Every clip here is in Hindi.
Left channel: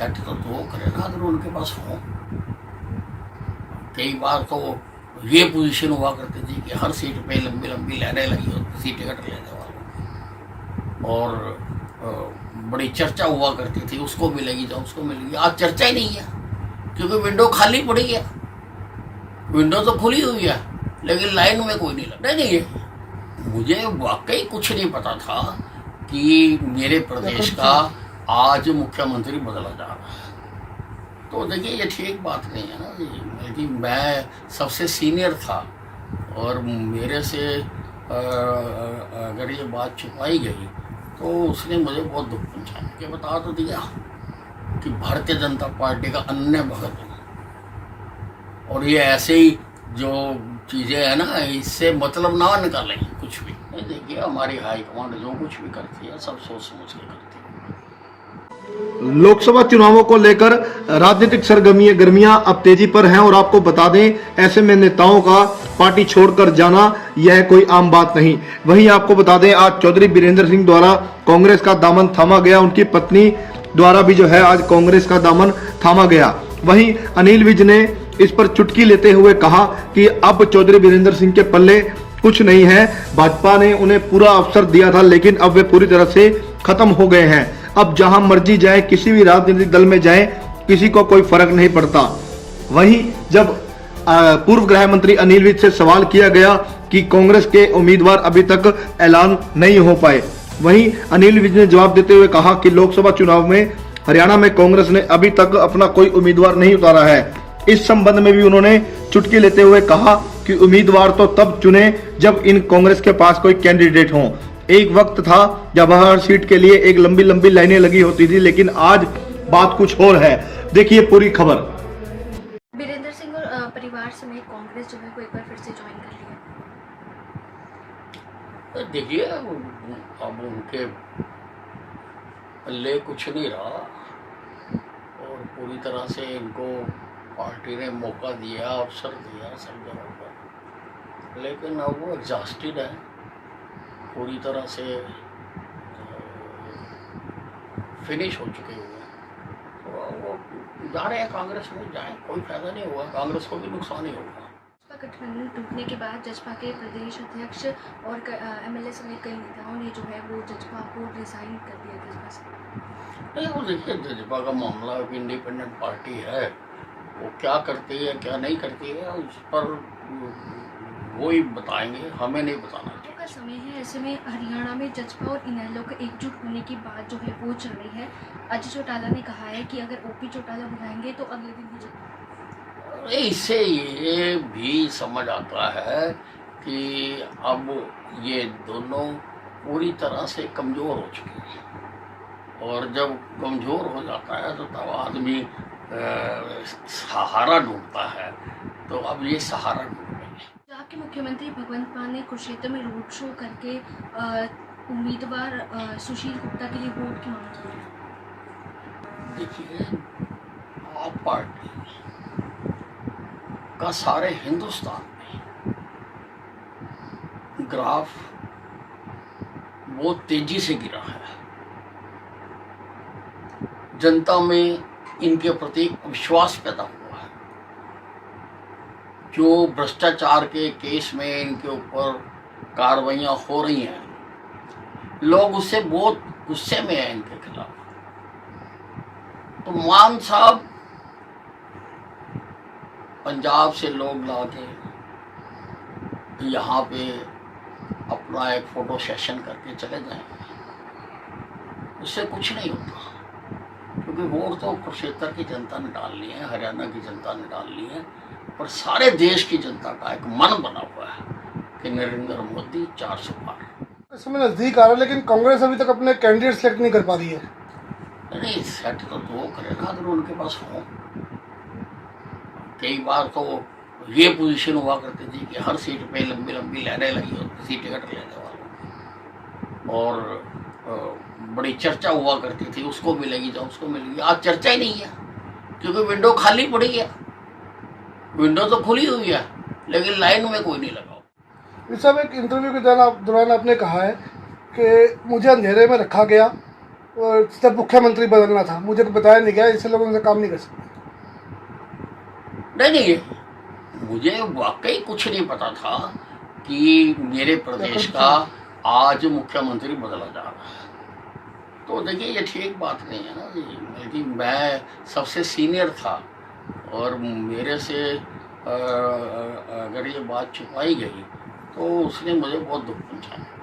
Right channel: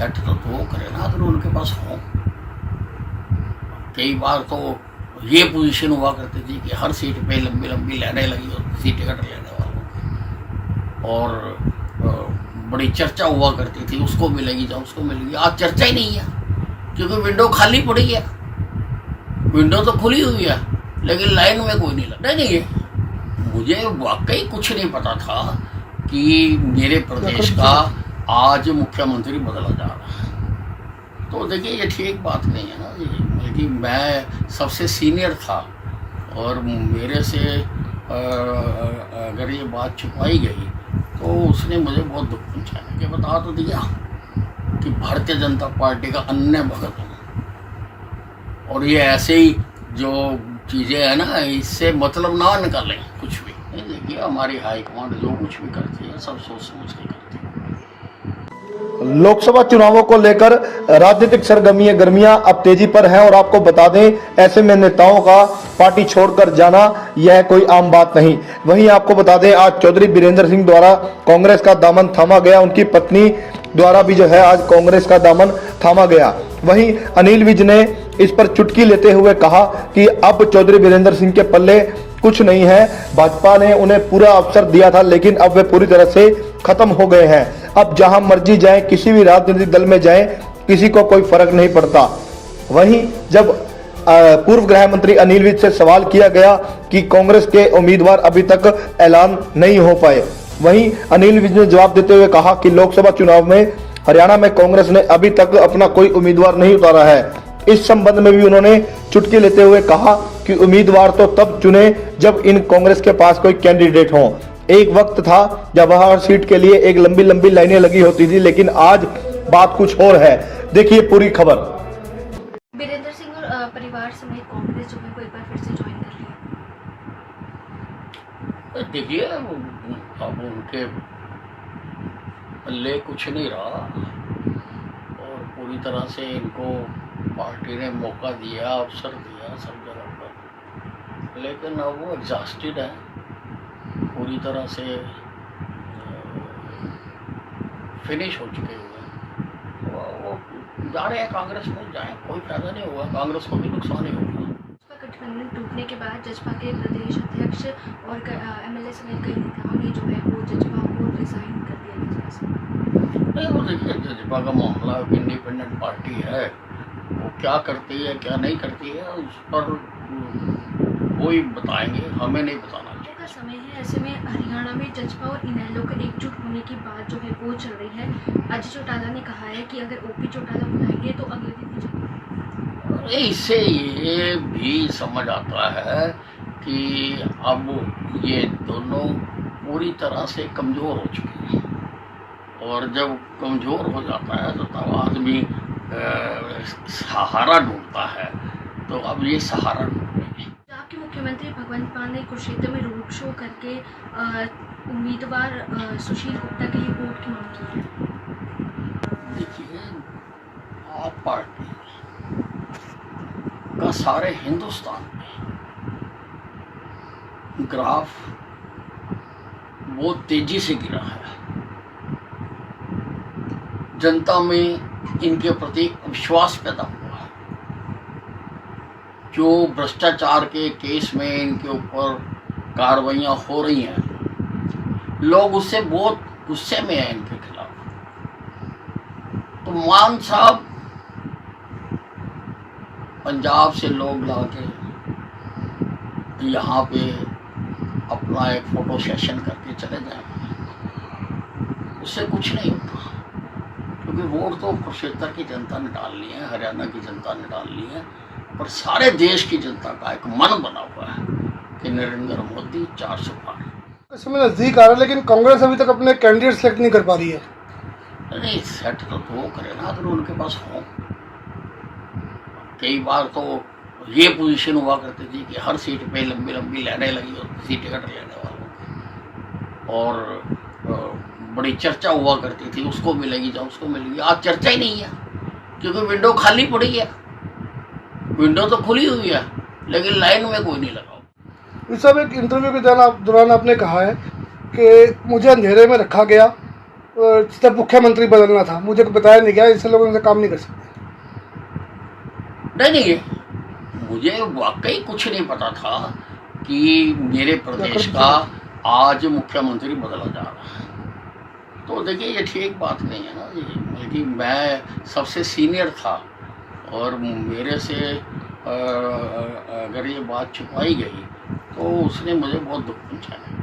सेट तो वो करे ना अगर उनके पास हो। कई बार तो ये पोजीशन हुआ करती थी कि हर सीट पे लंबी लंबी लाइनें लगी होती थी टिकट लेने वालों की, और बड़ी चर्चा हुआ करती थी, उसको मिलेगी या उसको मिलेगी। आज चर्चा ही नहीं है क्योंकि विंडो खाली पड़ी है। विंडो तो खुली हुई है लेकिन लाइन में कोई नहीं लग रहा। नहीं, मुझे वाकई कुछ नहीं पता था कि मेरे प्रदेश का आज मुख्यमंत्री बदला जा रहा है। तो देखिए ये ठीक बात नहीं है ना जी, बल्कि मैं सबसे सीनियर था और मेरे से अगर ये बात छुपाई गई तो उसने मुझे बहुत दुख पहुंचाया कि बता तो दिया कि भारतीय जनता पार्टी का अन्य भगत हूँ, और ये ऐसे ही जो चीज़ें हैं ना इससे मतलब ना निकालें कुछ भी नहीं। देखिए हमारी हाईकमांड जो कुछ भी करती है सब सोच समझ के करती है। लोकसभा चुनावों को लेकर राजनीतिक सरगर्मियां अब तेजी पर हैं और आपको बता दें ऐसे में नेताओं का पार्टी छोड़कर जाना यह कोई आम बात नहीं। वहीं आपको बता दें आज चौधरी बीरेंद्र सिंह द्वारा कांग्रेस का दामन थामा गया, उनकी पत्नी द्वारा भी जो है आज कांग्रेस का दामन थामा गया। वहीं अनिल विज ने इस पर चुटकी लेते हुए कहा कि अब चौधरी बीरेंद्र सिंह के पल्ले कुछ नहीं है, भाजपा ने उन्हें पूरा अवसर दिया था लेकिन अब वे पूरी तरह से खत्म हो गए हैं। अब जहां मर्जी जाए, किसी भी राजनीतिक दल में जाए, किसी को कोई फर्क नहीं पड़ता। वहीं जब पूर्व गृह मंत्री अनिल विज से सवाल किया गया कि कांग्रेस के उम्मीदवार अभी तक ऐलान नहीं हो पाए, वहीं अनिल विज ने जवाब देते हुए कहा कि लोकसभा चुनाव में हरियाणा में कांग्रेस ने अभी तक अपना कोई उम्मीदवार नहीं उतारा है। इस संबंध में भी उन्होंने चुटकी लेते हुए कहा कि उम्मीदवार तो तब चुने जब इन कांग्रेस के पास कोई कैंडिडेट हो। एक वक्त था जब हर सीट के लिए एक लंबी लंबी लाइनें लगी होती थी, लेकिन आज बात कुछ और है। देखिए पूरी खबर। बीरेंद्र सिंह और परिवार समेत कांग्रेस जो है को एक बार फिर से ज्वाइन कर लिया। देखिए अब उनके पल्ले कुछ नहीं रहा और पूरी तरह से इनको पार्टी ने मौका दिया, अवसर दिया सब जगह पर, लेकिन अब वो एग्जॉस्टेड है, पूरी तरह से फिनिश हो चुके हुए हैं। तो वो जा रहे हैं कांग्रेस में, जाएं, कोई फायदा नहीं होगा, कांग्रेस को भी नुकसान ही होगा। गठबंधन टूटने के बाद जजपा के प्रदेश अध्यक्ष और एमएलए समेत कई नेताओं ने जो है वो जजपा को रिजाइन कर दिया जजपा से। नहीं वो देखिए जजपा का मामला इंडिपेंडेंट पार्टी है, वो क्या करती है क्या नहीं करती है उस पर वो ही बताएंगे, हमें नहीं बताना चाहिए। का समय है, ऐसे में हरियाणा में जजपा और इनेलो के एकजुट होने की बात जो है वो चल रही है। अजय चौटाला ने कहा है कि अगर ओपी चौटाला बुलाएंगे तो अगले दिन ही जजपा। इससे ये भी समझ आता है कि अब ये दोनों पूरी तरह से कमज़ोर हो चुके हैं, और जब कमज़ोर हो जाता है तो तब आदमी सहारा ढूंढता है, तो अब ये सहारा ढूंढ रहे हैं। आपके मुख्यमंत्री भगवंत मान ने कुरुक्षेत्र में रोड शो करके उम्मीदवार सुशील गुप्ता के लिए वोट की मांग की है। देखिए आप पार्टी का सारे हिंदुस्तान में ग्राफ बहुत तेजी से गिरा है, जनता में इनके प्रति विश्वास पैदा हुआ है। जो भ्रष्टाचार के केस में इनके ऊपर कार्रवाइयाँ हो रही हैं, लोग उससे बहुत गुस्से में हैं इनके खिलाफ। तो मान साहब पंजाब से लोग लाके यहाँ पे अपना एक फोटो सेशन करके चले जाएंगे, उससे कुछ नहीं होता, क्योंकि वोट तो कुरुक्षेत्र की जनता ने डालनी है, हरियाणा की जनता ने डालनी है, और सारे देश की जनता का एक मन बना हुआ है कि नरेंद्र मोदी 400 पार। समय नजदीक आ रहा है लेकिन कांग्रेस अभी तक अपने कैंडिडेट सेलेक्ट नहीं कर पा रही है। नहीं सेट तो वो करे ना अगर उनके पास हो। कई बार तो ये पोजीशन हुआ करती थी कि हर सीट पे लंबी लंबी लाइनें लगी होती थी टिकट लेने वालों की, और बड़ी चर्चा हुआ करती थी, उसको मिलेगी या उसको मिलेगी। आज चर्चा ही नहीं है क्योंकि विंडो खाली पड़ी है। विंडो तो खुली हुई है लेकिन लाइन में कोई नहीं लगा। इस सब एक इंटरव्यू के दौरान आपने कहा है कि मुझे अंधेरे में रखा गया जब मुख्यमंत्री बदलना था, मुझे बताया नहीं गया, इससे लोग उनसे काम नहीं कर सकते। नहीं, मुझे वाकई कुछ नहीं पता था कि मेरे प्रदेश का आज मुख्यमंत्री बदला जा रहा है। तो देखिए ये ठीक बात नहीं है ना जी, बल्कि मैं सबसे सीनियर था और मेरे से अगर ये बात छुपाई गई तो उसने मुझे बहुत दुख पहुंचाया।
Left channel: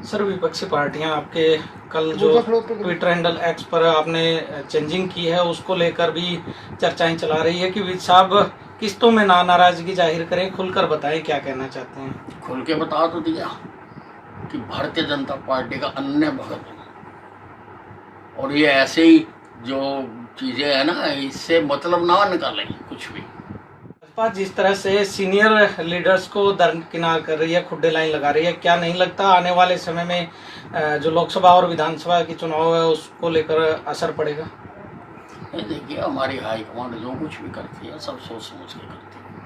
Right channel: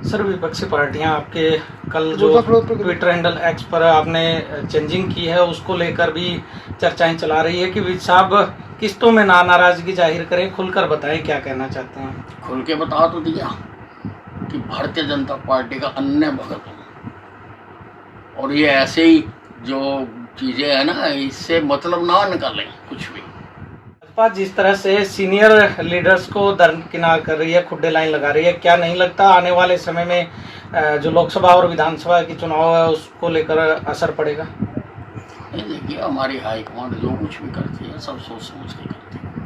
सर, विपक्षी पार्टियां आपके कल जो ट्विटर हैंडल एक्स पर आपने चेंजिंग की है उसको लेकर भी चर्चाएं चला रही है कि विज साहब किस्तों में नाराजगी जाहिर करें, खुलकर बताएं क्या कहना चाहते हैं। खुल के बता तो दिया कि भारतीय जनता पार्टी का अन्य भगत हूँ और ये ऐसे ही जो चीजें है ना इससे मतलब ना निकालें कुछ भी। भाजपा जिस तरह से सीनियर लीडर्स को दरकिनार कर रही है, खुड्डे लाइन लगा रही है, क्या नहीं लगता आने वाले समय में जो लोकसभा और विधानसभा की चुनाव है उसको लेकर असर पड़ेगा? नहीं, देखिए हमारी हाईकमांड जो कुछ भी करती है सब सोच समझ के करती है।